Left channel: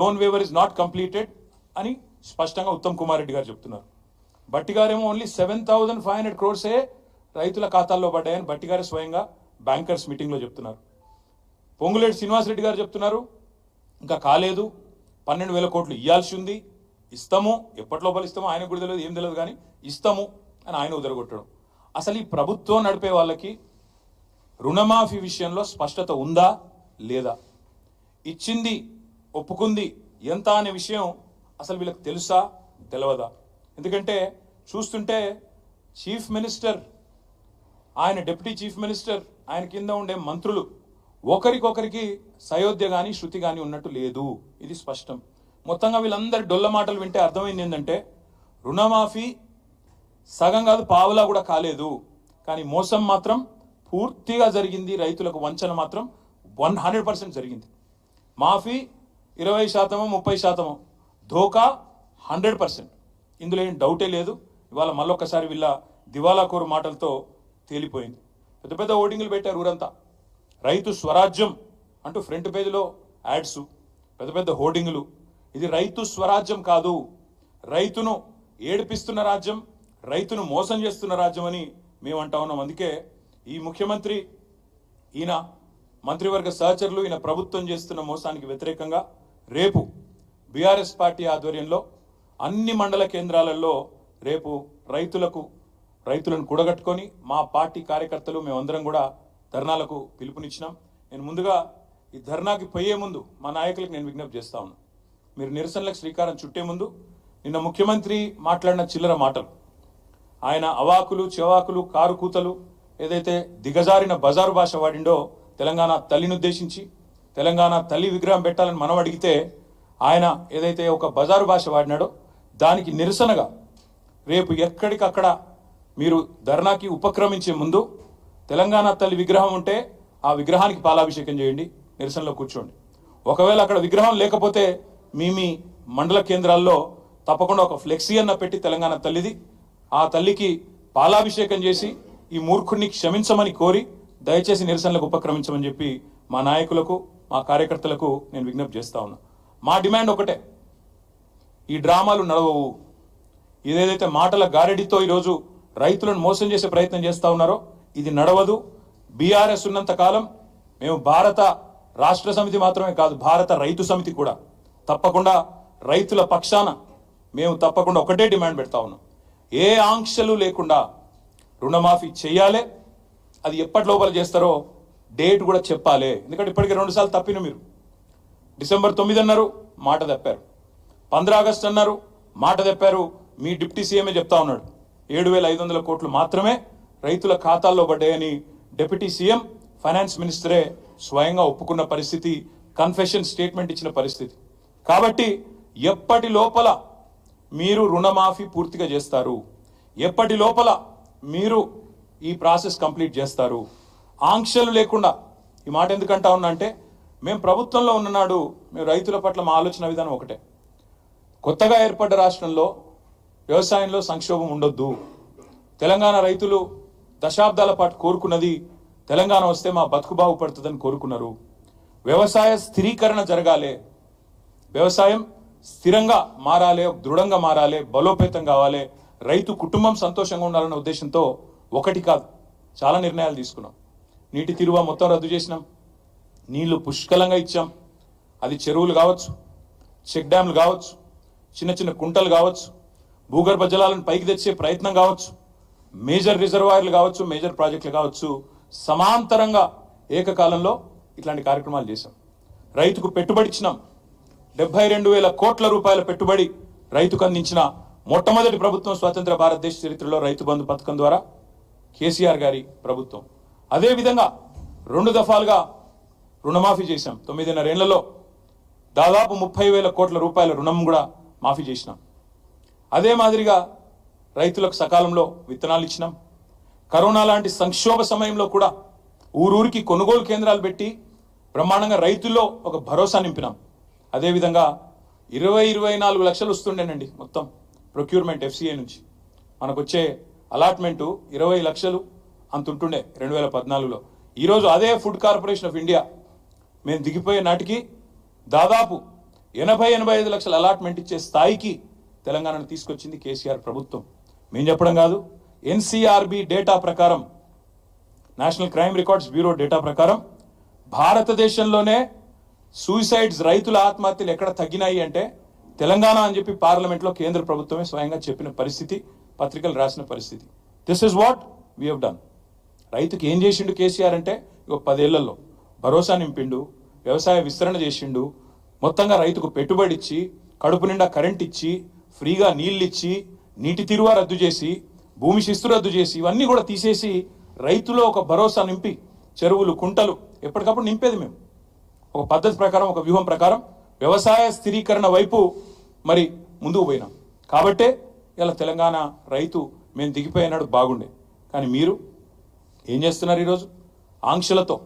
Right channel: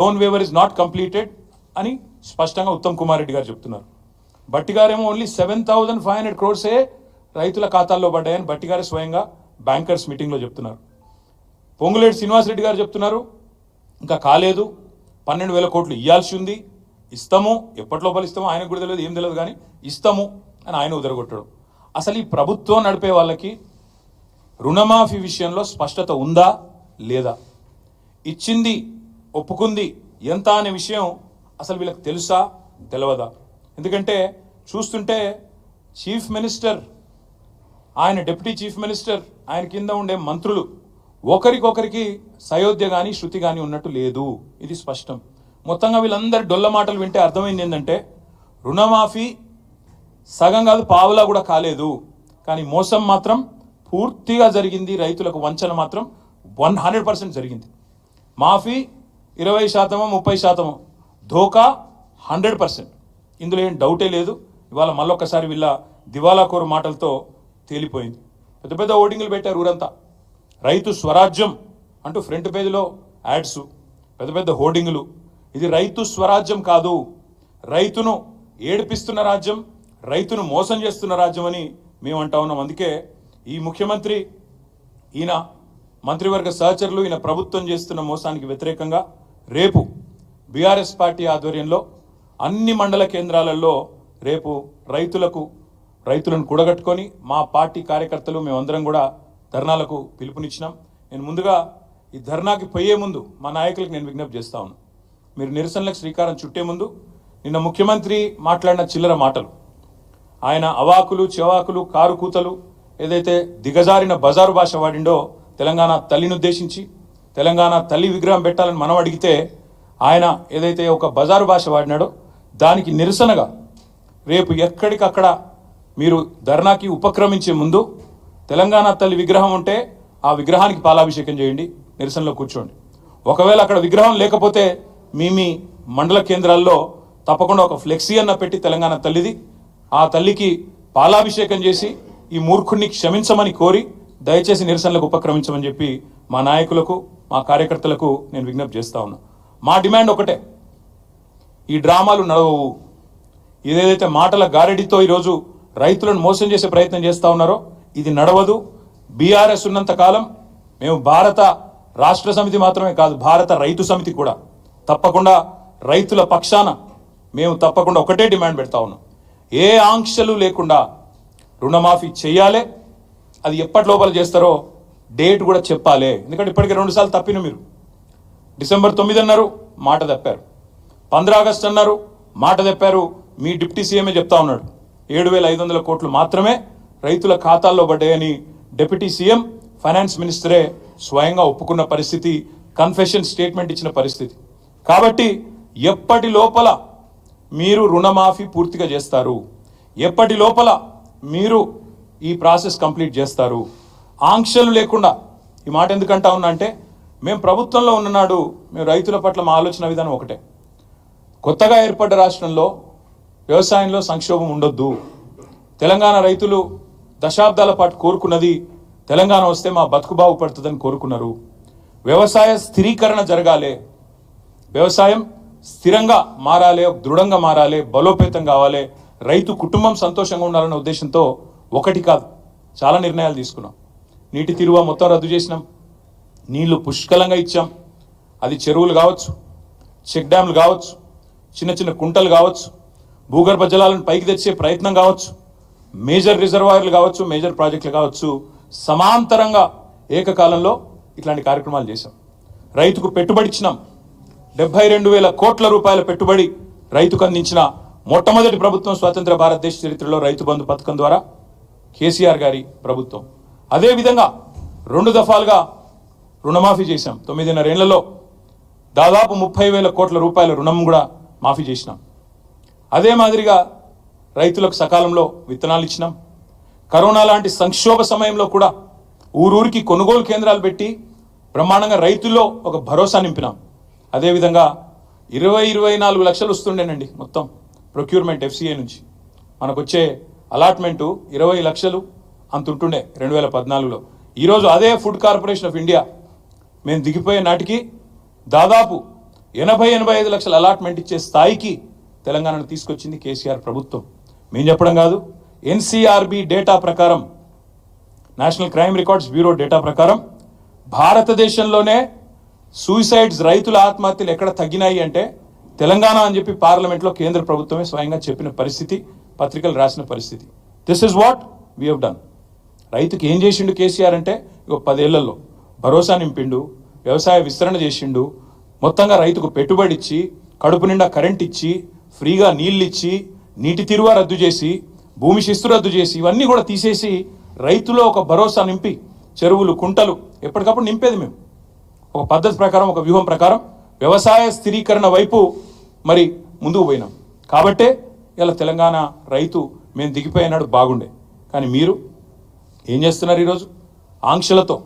Loan waiver is not completed అని స్పష్టంగా ఉత్తమ్ కుమార్ రెడ్డి గారు చెప్తున్నారు. బట్టి గారేమో ఓన్లీ 7,500 crores రైతుల ఖాతాల్లో పడ్డాయని బట్టి గారు స్వయంగా బ్యాంకర్స్ మీటింగ్లో చెప్తున్నారు. పొంగులేటి శ్రీనివాసరెడ్డి గారు చెప్తున్నారు ఇంకా కాలేదు, 12,000 కోట్లు ఇవ్వాల్సి ఉంది, ఇస్తాము, ఎప్పటి లోపల ఇస్తామో ఆయనకు కూడా తెలియదు, ఏం తెలియదు, కానీ ఇస్తాము అని ఆయన ఉదరగొట్టడం. అసలు ఈ ప్రభుత్వం నడిపే వాళ్ళకి రుణమాఫీ విషయంలో స్పష్టత ఉందా లేదా, ఇచ్చింది ఒప్పుకుంది ఎంత అనే విషయం అసలు వీళ్ళకి తెలుసా తెలియదా? ఎందుకంటే చూస్తుంటే చీఫ్ మినిస్టర్, ఆయన డిప్యూటీ చీఫ్ మినిస్టర్, ఆయన కింద ఉండే మంత్రులు ఒకరికొకరికి సయోధ్య కానీ శృతి కానీ ఉన్నట్టు లేదు, ఇది స్పష్టం. మొత్తంగా వీళ్ళందరి డొల్ల మాటలు వింటే అర్థమైంది ఏంటంటే రుణమాఫీ సగం కాదు పావులా కూడా కాలేదు, కానీ మోసం మాత్రం పూర్తిగా జరిగింది, రైతులకు వంచన మాత్రం 100% జరిగింది. మాఫీ 20%, 30%, ధోకా 100%. ఇందులో ఏం డౌటే లేదు. ఇవాళ మళ్ళొక్కసారి వీళ్ళ దివాలాకోరు మాటలతో తేలిపోయింది. పెద్ద పెద్ద ఓటింగ్లు పెట్టారు ఊరంతా, రైతు స్వరాజ్యం అంటూ ఫ్రంట్ పేజీలో యాడ్స్, పెద్ద పెద్ద హోర్డింగులు. ఇది రైతు స్వరాజ్యం కాదు, రైతును ఏడిపిస్తున్న రాజ్యం, రైతును మోసం చేస్తున్న రాజ్యం అని మేము అంటా ఉన్నాం. అందుకే ఈ ముఖ్యమంత్రి, ఈయన మంత్రివర్గ సహచరులు, ఈయన ప్రభుత్వం చేస్తున్న మోసానికి వ్యతిరేకంగా రేపు బీఆర్ఎస్ పార్టీ ఆధ్వర్యంలో అన్ని మండల కేంద్రాలలో రేపు రైతులను కూడగట్టుకొని మా పార్టీ కార్యకర్తలు మేమందరం కూడా ధర్నాలకు పిలుపునిచ్చినాం. నేను ముందుగా ఈ ధర్నాకి పోయే ముందు మా నాయకులకు నేను విజ్ఞప్తి చేస్తా ఉన్నాను, మీరు నిరసనలకు శ్రీకారం చుట్టే ముందు నిన్న ముఖ్యమంత్రి మాట్లాడిన చిల్లర మాటలు, ఆయన అవాకులు చెవాకులు కారు కూతలు ఏదైతే దిగజారిన బజారు భాష వాడిండో తెలంగాణ తల్లిని ఉద్దేశించి, తెలంగాణ తల్లి విగ్రహం పెట్టాలని మనం అడిగితే ఆయన ఏదైతే ఒక బజారు భాష వాడినాడో దానికి నిరసనగా రేపు ఎక్కడికక్కడ మీరు ధర్నాకి ఉపక్రమించే ముందు తెలంగాణ తల్లి విగ్రహం ఉంటే ఆ విగ్రహానికి పాలాభిషేకం చేయండి, నిరసనలో కూర్చోండి. ఒకవేళ అక్కడ విగ్రహం లేకపోతే మీ మండల కేంద్రాల్లో తప్పకుండా ఒక ఫ్లెక్సీ అన్న పెట్టి తెలంగాణ తల్లిది, ఆ తల్లికి పాలాభిషేకం చేసి ఈ మూర్ఖుడిని క్షమించమని కోరి దయచేసి నిరసనలకు ఉపక్రమించమని చెప్పి మా నాయకులకు మా కార్యకర్తలకు నేను విజ్ఞప్తి చేస్తా ఉన్నా. మా డిమాండ్ ఒకటే, ఈ డ్రామాలు నడవవు. ఇదేదైతే మాటల గారడితో ఈరోజు రైతులను మోసం చేసే ప్రయత్నం చేస్తూ ఉన్నారో ఇది నడవదు. బీఆర్ఎస్ ఉన్నంత కాలం మేము భారత రాష్ట్ర సమితి మాత్రమే కాదు, భారత రైతు సమితి కూడా తప్పకుండా రైతుల పక్షాన మేము తప్పకుండా ఒకటే డిమాండ్ పెడతా ఉన్నాం, ఏ ఆంక్షలు లేకుండా రుణమాఫీ చేయాలి. అది ఎప్పటి లోపల చేస్తారో డేట్ కూడా చెప్పాలి. ఎందుకంటే ఇప్పటికే 2 సార్లు తప్పిన మీరు. డిసెంబర్ 9 అన్నారు, మాట తప్పారు. 15 ఆగస్టు అన్నారు, మాట తప్పారు. మీ డిప్యూటీ సీఎంఏ చెప్తా ఉన్నాడు 7,500 కోట్లు మాత్రమే రైతుల ఖాతాల్లో పడ్డాయని డిప్యూటీ సీఎం ఫైనాన్స్ మినిస్టరే స్వయంగా ఒప్పుకున్న పరిస్థితి, కన్ఫెషన్ స్టేట్మెంట్ ఇచ్చిన పరిస్థితి. కాబట్టి ఎప్పటి లోపల మీరు రుణమాఫీ పూర్తిగా చేస్తారు, ఎప్పటి లోపల మీరు ఈ ప్రాసెస్ కంప్లీట్ చేస్తారు, ఆంక్షలు లేకుండా. ఈ మాట ఎందుకంటా ఉన్నా అంటే మేము ప్రభుత్వంలో ఉన్ననాడు మేము రైతుల పట్ల మా ఆలోచన విధానం ఒకటే, కొత్తగా ఏర్పడ్డ రాష్ట్రంలో వ్యవసాయంలో సంక్షోభం ఉండొద్దు. తెలంగాణ రైతులు దశాబ్దాల పాటు కోరుకున్నది తెలంగాణ వస్తే మా బతుకు బాగుపడుతుందని కోరుకున్నారు. వ్యవసాయ స్థిరీకరణ జరగాలి, వ్యవసాయం స్థిరంగా మారాలి, దృఢంగా మారాలి, బలోపేతం కావాలి, రైతు కుటుంబం సంతోషంగా ఉండాలన్న ఉద్దేశంతో ఒకటి కాదు చాలా నిర్ణయాలు తీసుకున్నాం. నీటి తీరువ మొత్తం రద్దు చేసినాం, నీళ్లు పుష్కలంగా ఇచ్చాం. అది చెరువులు కావచ్చు, చెక్ డ్యామ్లు కావచ్చు, చిన్న చిన్న కుంటలు కావచ్చు, భూగర్భ జలాలను పైకి తెచ్చే ప్రయత్నం కావచ్చు, మేజర్ రిజర్వాయర్లు కావచ్చు, మేజర్ ప్రాజెక్టులు కావచ్చు, సమాంతరంగా ఏకకాలంలో ఇట్లాంటి కార్యక్రమాలు చేశాం. రైతుకు పెట్టుబడి ఇచ్చినాం. 72,000 కోట్ల రూపాయల పెట్టుబడి రైతుకు అందించిన మొట్టమొదటి ప్రభుత్వం స్వతంత్ర భారతదేశ చరిత్రలో రైతు బంధు పథకం ద్వారా కేసీఆర్ గారి ప్రభుత్వం. అదేవిధంగా 2 దఫాలుగా రుణమాఫీ చేశాం. 9.5 ఏళ్లలో దాదాపు 30,000 కోట్ల రూపాయల రుణం కూడా మాఫీ చేసినాం. అదే మాదిరిగా రైతులకు సకాలంలో విత్తనాలు ఇచ్చినాం. కరోనా లాంటి సంక్షోభ సమయంలో కూడా ఊరూరికి కొనుగోలు కేంద్రాలు పెట్టి బ్రహ్మాండంగా రైతుల్లో ఒక భరోసా నింపినాం. అదేవిధంగా 24 లక్షలు వస్తుండేనండి మొత్తం ప్రొక్యూర్మెంట్ FCA నుంచి. మనకు వచ్చే అలాట్మెంటు 20 లక్షలు అంత ఉంటుండే 2014లో. ఈరోజు అదే ఫుడ్ కార్పొరేషన్ ఆఫ్ ఇండియా మేము దిగిపోయే నాటికి దాదాపు 80-85 లక్షల అలాట్మెంట్ ఇచ్చే స్థాయికి తెలంగాణను తీసుకొచ్చింది కేసీఆర్ ప్రభుత్వం. మేము చెప్పడం కాదు, ఎన్సీఆర్బీ డేటా ప్రకారం, national crime records bureau data ప్రకారం భారతదేశంలోనే సూసైడ్స్, రైతుల ఆత్మహత్యలు ఎక్కడ తగ్గినాయి అంటే తెలంగాణ అని చెప్పి పార్లమెంట్లో కేంద్ర ప్రభుత్వమే స్వయంగా చెప్పిన పరిస్థితి, పత్రికలు రాసిన పరిస్థితి. This is what we have done. రైతుకి ఏం చేసిండు కేసీఆర్ అంటే, 10 ఏళ్లలో భరోసా నింపిండు, వ్యవసాయ విస్తరణ చేసిండు, మొత్తంగా రైతుకు పెట్టుబడి ఇచ్చి, కడుపు నిండా కరెంట్ ఇచ్చి, ఫ్రీగా నీళ్ళు ఇచ్చి, నీటి తీరువ రద్దు చేసి, భూమి శిస్తు రద్దు చేసి, ఇవన్నీ కూడా తీసేసి రైతులో ఒక భరోసా నింపి, చెరువులు, కుంటలు ఎప్పటికప్పుడు నింపేది మేము. ఒక పద్ధతి ప్రకారం, ఒక వ్యూహం ప్రకారం వ్యవసాయ స్థిరీకరణ వైపు మరి ముందుకు పోయినాం. కాబట్టే ఇలా తెలంగాణ రైతు మేము దిగిపోయినాడు బాగుండే. కానీ మీరు ఏం చేస్తున్నారు ఈరోజు? ఆంక్షలతో